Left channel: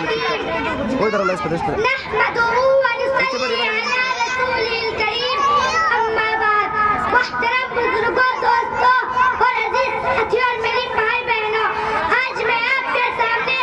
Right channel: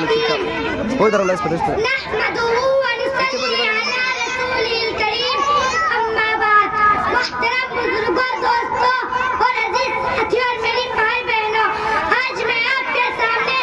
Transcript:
وہ ادھر اللہ اس پر نحمدہ ونصلی علی رسولہ الکریم، اما بعد۔ محترم بزرگوں، دوستوں اور عزیز ساتھیوں اور میری بھائی بہنوں، آج میں آپ کے سامنے